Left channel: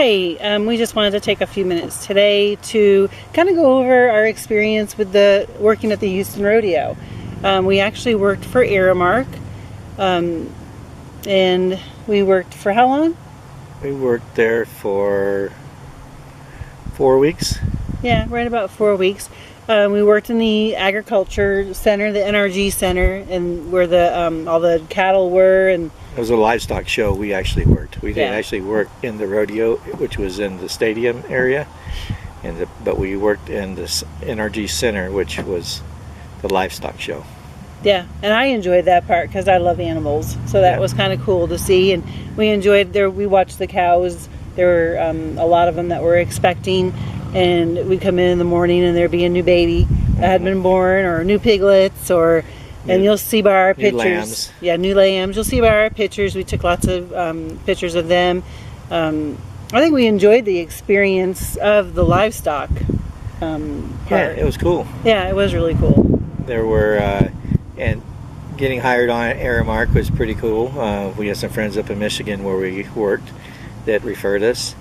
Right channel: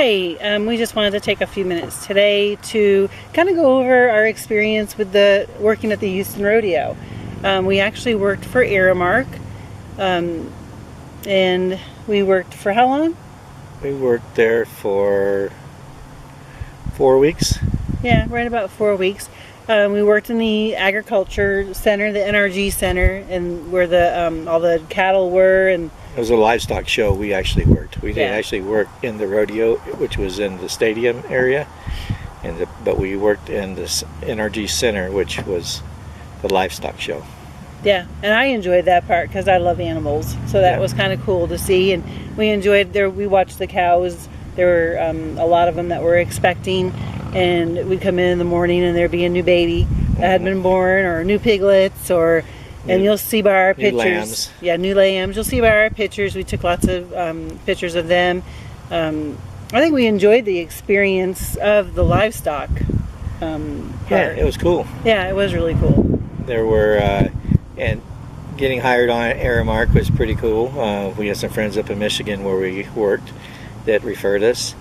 Hi, we just wanted to take a few minutes today to kind of go over our experience with working at the Houston Rodeo. We actually worked for Aramark, and we worked for how long? We worked there for 4 weeks. Yeah, right about 4 weeks. We worked in the agriculture center, the NRG center, and where all the cattle were. And it was a livestock show. We actually worked. We didn't actually work in the rodeo, which was in the stadium area, but we worked in this NRG center, which was the livestock show. Yeah, and I enjoyed that part because I love animals, so that was kind of cool to see. And we enjoyed there. We watched the cows. There were a lot of them that were expecting, and we'd come in the morning and there'd be a new baby that had been born, or new piglets, and you'll see by our pictures. Lambs. Yeah, new lambs. You'll see by our pictures. We took lots of pictures of them. I think we enjoyed the experience of the livestock part. Yeah, it was cool. Yeah, it was really cool. There were, and getting hired on at Aramark was pretty cool. We had some friends up in Michigan where we worked that referred us,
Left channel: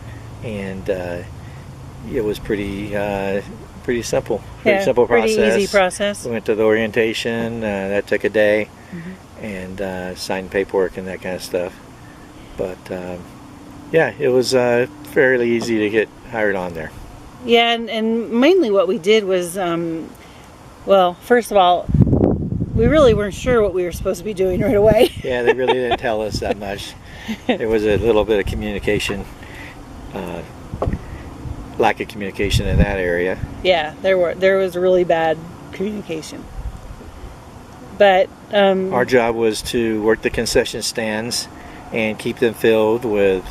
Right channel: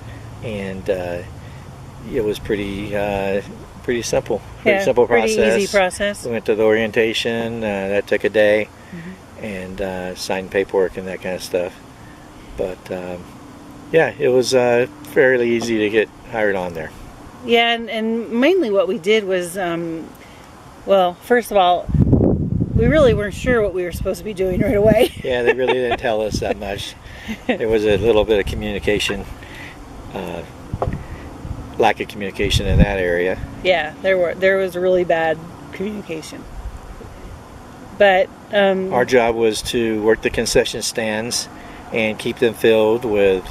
and it was pretty simple. Pretty simple process. Pretty easy process. We went to the orientation. That took a day, and signed paperwork and that kind of stuff. But yeah, it was fairly easy to get hired on there. Yeah, and mainly what we did was, well, first of all, we really weren't sure what we were supposed to be doing right away. Yeah, they really didn't tell us that much. There was a little bit of communication, lack of communication in that area. Yeah, there was really bad communication. But our job was to work the concession stands and keep them filled with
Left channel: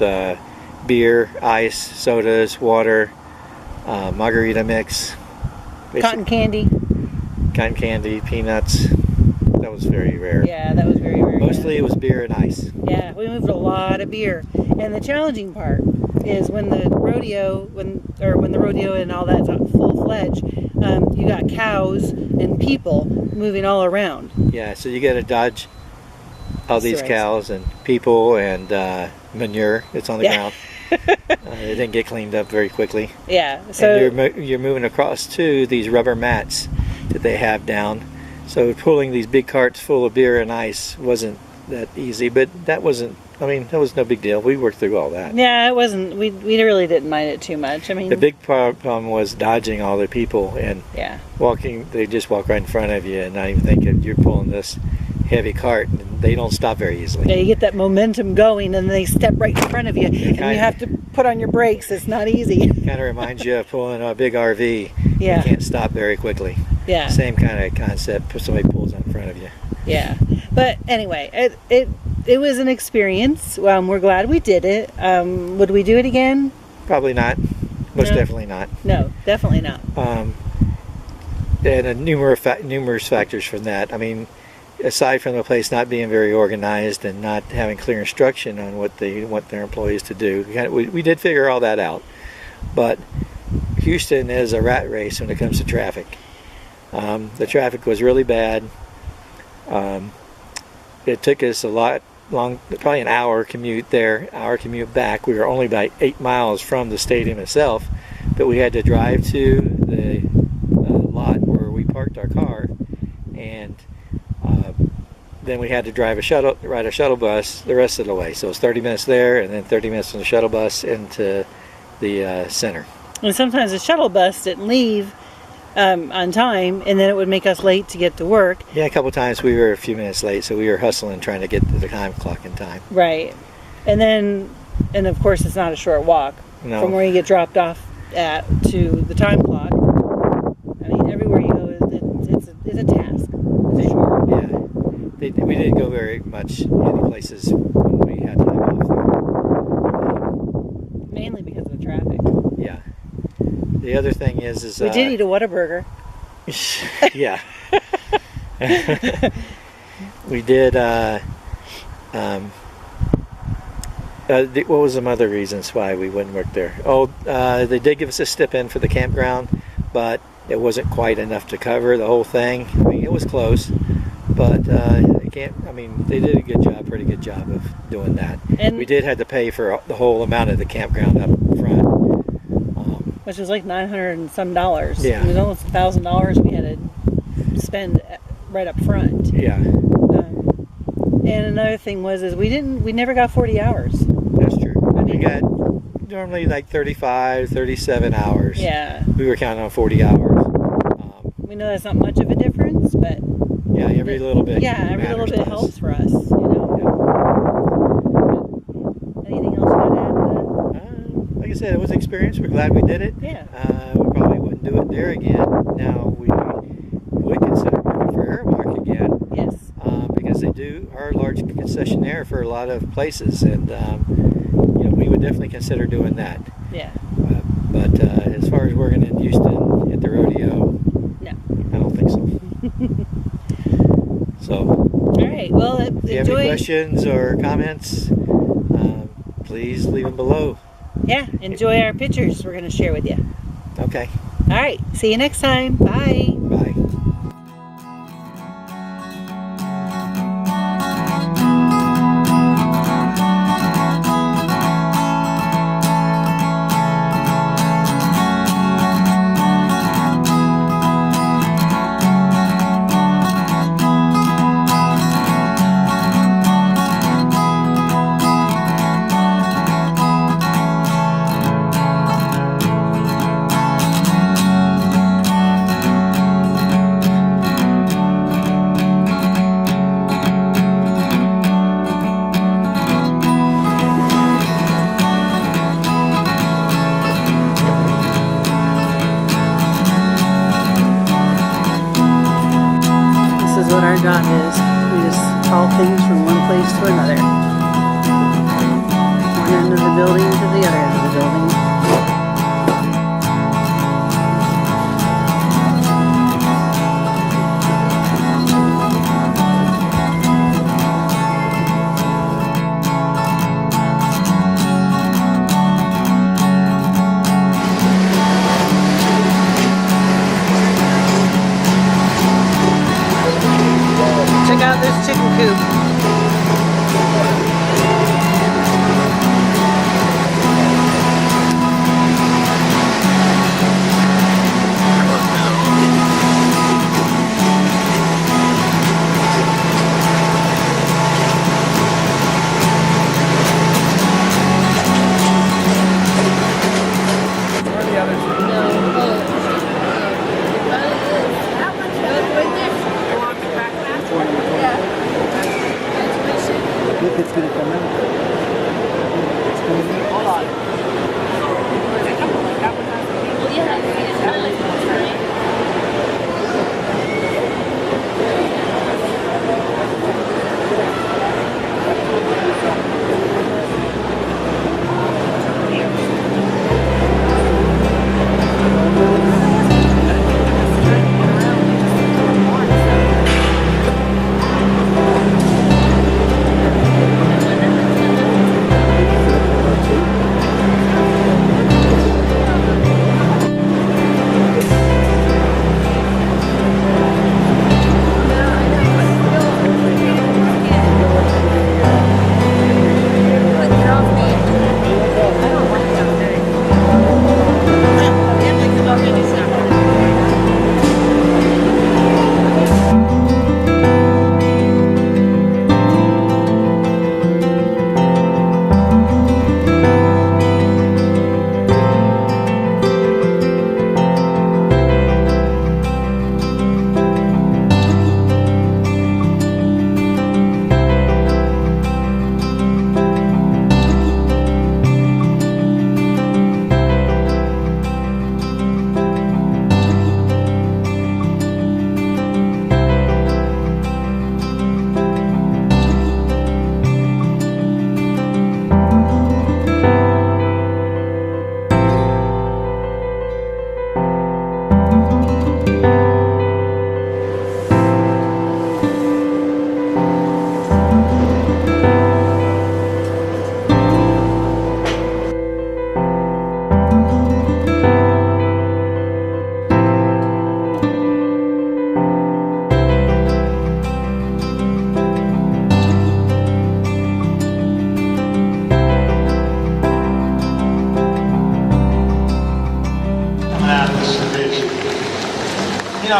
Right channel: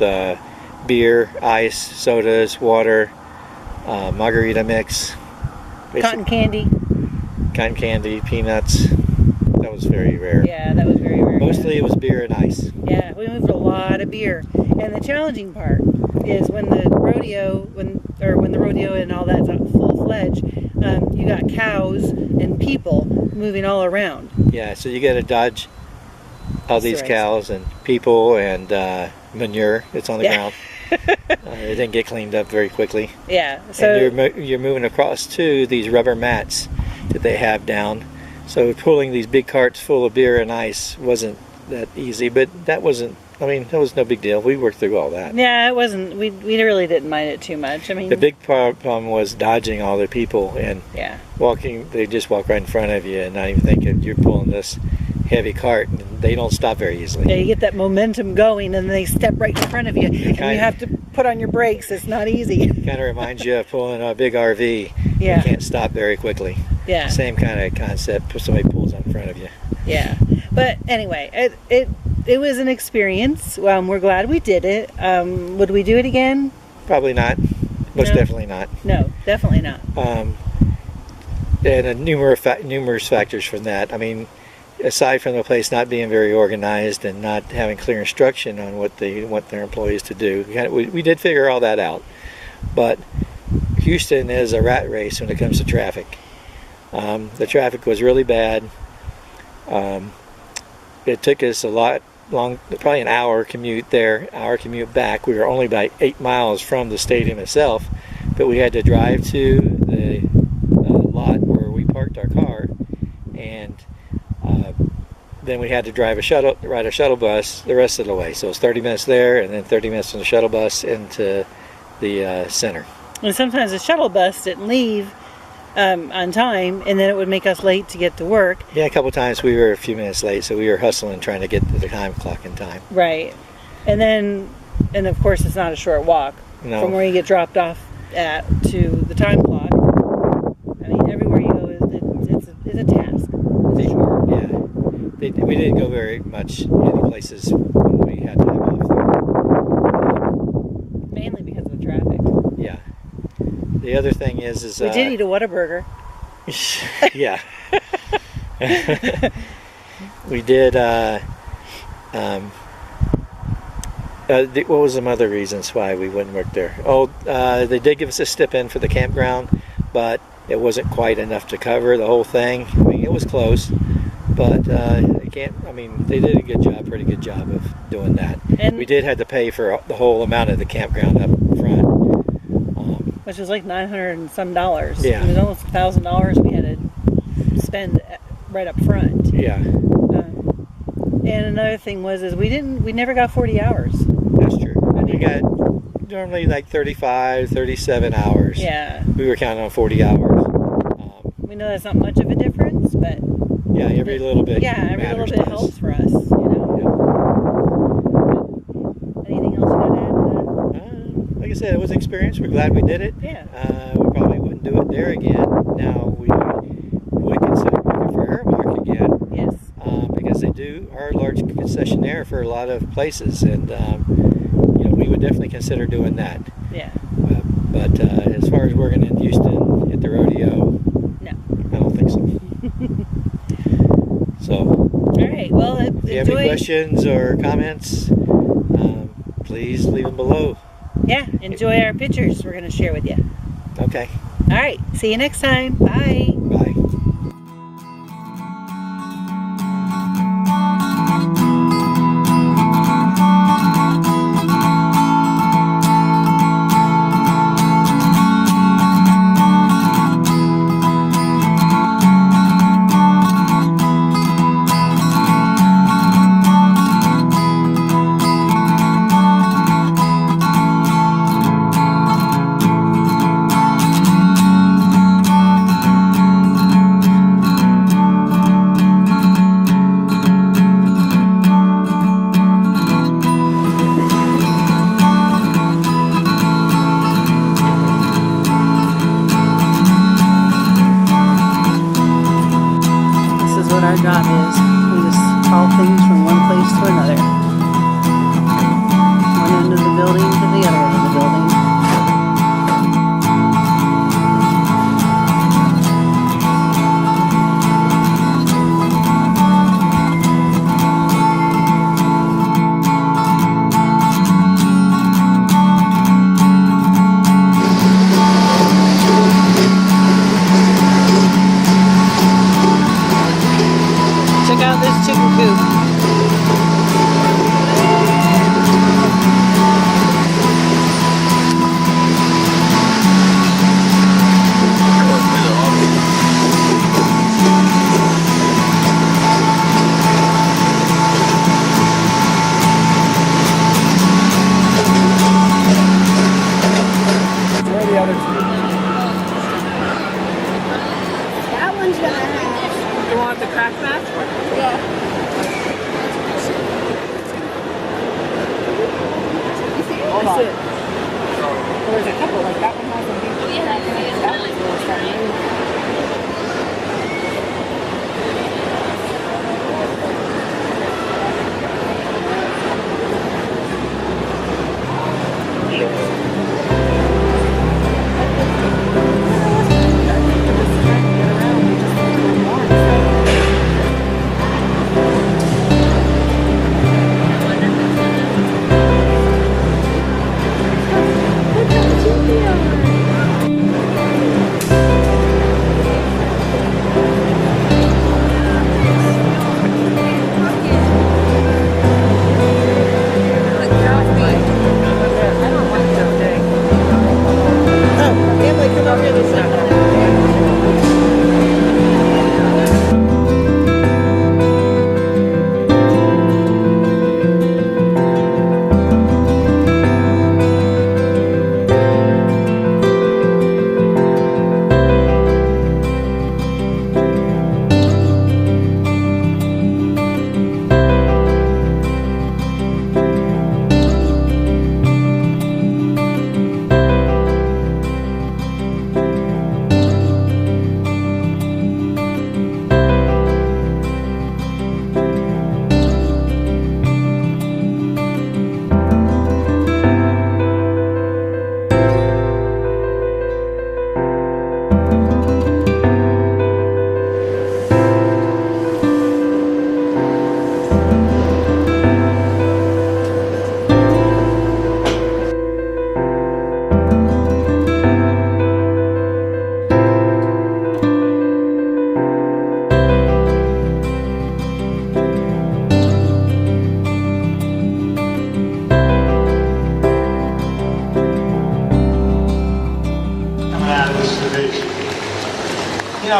beer, ice, sodas, water, margarita mix, cotton candy, peanuts. That was very rare. Yeah, that was very rare. Mostly it was beer and ice. Yeah, we moved a lot of beer. And the challenging part is when the rodeo and all that's full-fledged, you got cows and people moving all around. Yeah, so you got to dodge all these cows and people and manure that's on the ground. It didn't get cleaned up very quickly. Yeah, so and you're moving across to these rubber mats that they have down. So pulling these big carts full of beer and ice wasn't that easy, but that was no big deal. We worked through all that. Yeah, it wasn't. We really didn't mind it too much. I mean, the big problem was dodging all the people and walking. They just walk right in front of you and not even think you're pulling this heavy cart, and they don't stop very easily. Yeah, you get that momentum going, and they step right in front of you, and you have to put on your brakes. It's not easy. Kind of reminds you of pulling a big RV. Yeah. You can't stop very quickly. Yeah. Same kind of concept. Somebody pulls in front of you. Yeah. But anyway, it was an experience. We're glad we did it. Would we do it again? Probably not. Most definitely not. No, definitely not. And numerous factors from that. I mean, aside from the place not being very organized and not having clear instruction on what they want their employees to do, we did figure all that out. But Houston is a rat race when it comes to traffic. The traffic was really bad. It took us probably an hour commute there, hour commute back. We were only about 8 miles from the stadium itself, but we had to drive to the lot where we parked our car, and then we had to ride a shuttle bus the rest of the way. So it was 30 minutes there, and then 30 minutes from the shuttle bus into the center. And sometimes the shuttle bus didn't leave on time, and then it would make us late to get to work. Yeah, a couple times we were a few minutes late, so we were hustling trying to get to the time clock in time. Right. And of course it's not a short walk from where you get dropped off to the time clock. I mean, everywhere you go it's a task. It's a chore. Yeah. We didn't go very much any places when we had time off there. Mainly because of the traffic. Yeah. The other thing is we did eat a Whataburger. Yeah. We did. What was some other reasons why we wouldn't work there? Oh, they did give us a stipend for the campground, but it wasn't quite enough to cover the whole thing. I mean, it was close, But I can't. I mean, they did a good job, pretty good job of doing that. And we did have to pay for the whole amount of the campground up front, which was like $900 and some dollars. Yeah. It was almost $1,000 we had to spend right up front. Yeah, And another thing is we never got 40 hours. that's true. I We mean- got normally like 35, 37 hours. Yeah. We were counting on 40 hours. We know that's not much of a difference, but Yeah, every little bit. every little matters bit to us. helps for us, you know. Yeah. Anything else you got to add to Like I said, it was an experience. We're glad we did it. that? Yeah. We probably wouldn't do it there again. Now we would consider working for Aramark again Yes. because they are a large concessionaire for a lot of places, and we would definitely consider doing that. Yeah. But as far as working in Houston at the rodeo, No. I don't think so. So, All right. Well, if you have any enjoy. questions or comments, please leave them below. Yeah. Enjoy our pictures we're going to share with you. Okay, All right. See you next time. Bye. bye. This is what our job is. We just haul things from one place to another. One end of the building to the other end of the building. Check out this chicken coop.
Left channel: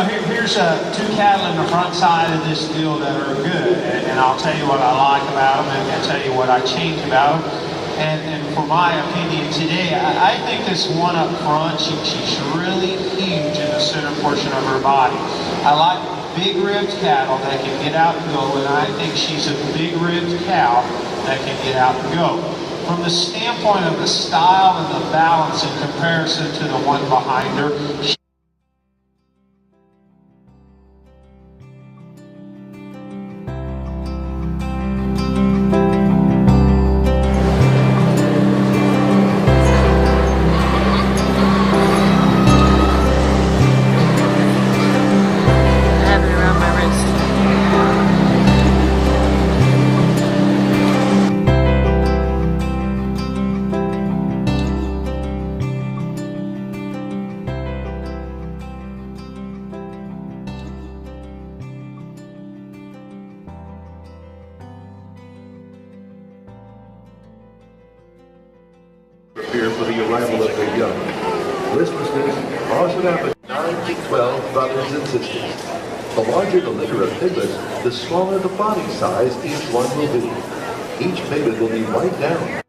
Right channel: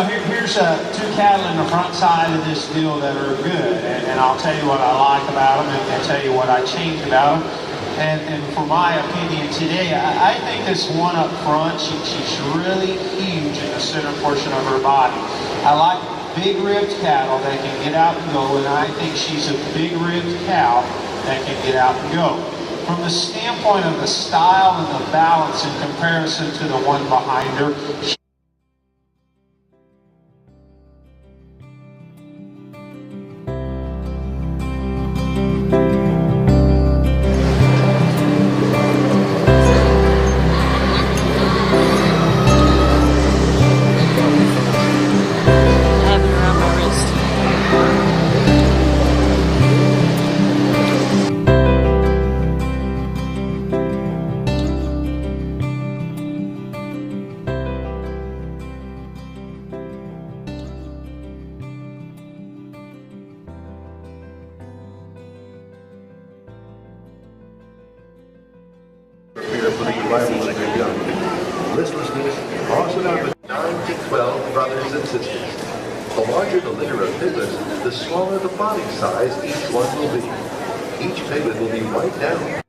know, here's two cattle in the front side of this deal that are good, and I'll tell you what I like about them, and I'll tell you what I change about them. And for my opinion today, I think this one up front, she's really huge in the center portion of her body. I like big ribbed cattle that can get out and go, and I think she's a big ribbed cow that can get out and go. From the standpoint of the style and the balance in comparison to the one behind her, prepare for the arrival of their young. Listlessness also out with 9 to 12 brothers and sisters. The larger the litter of piglets, the smaller the body size each one will be. Each piglet will be wiped down.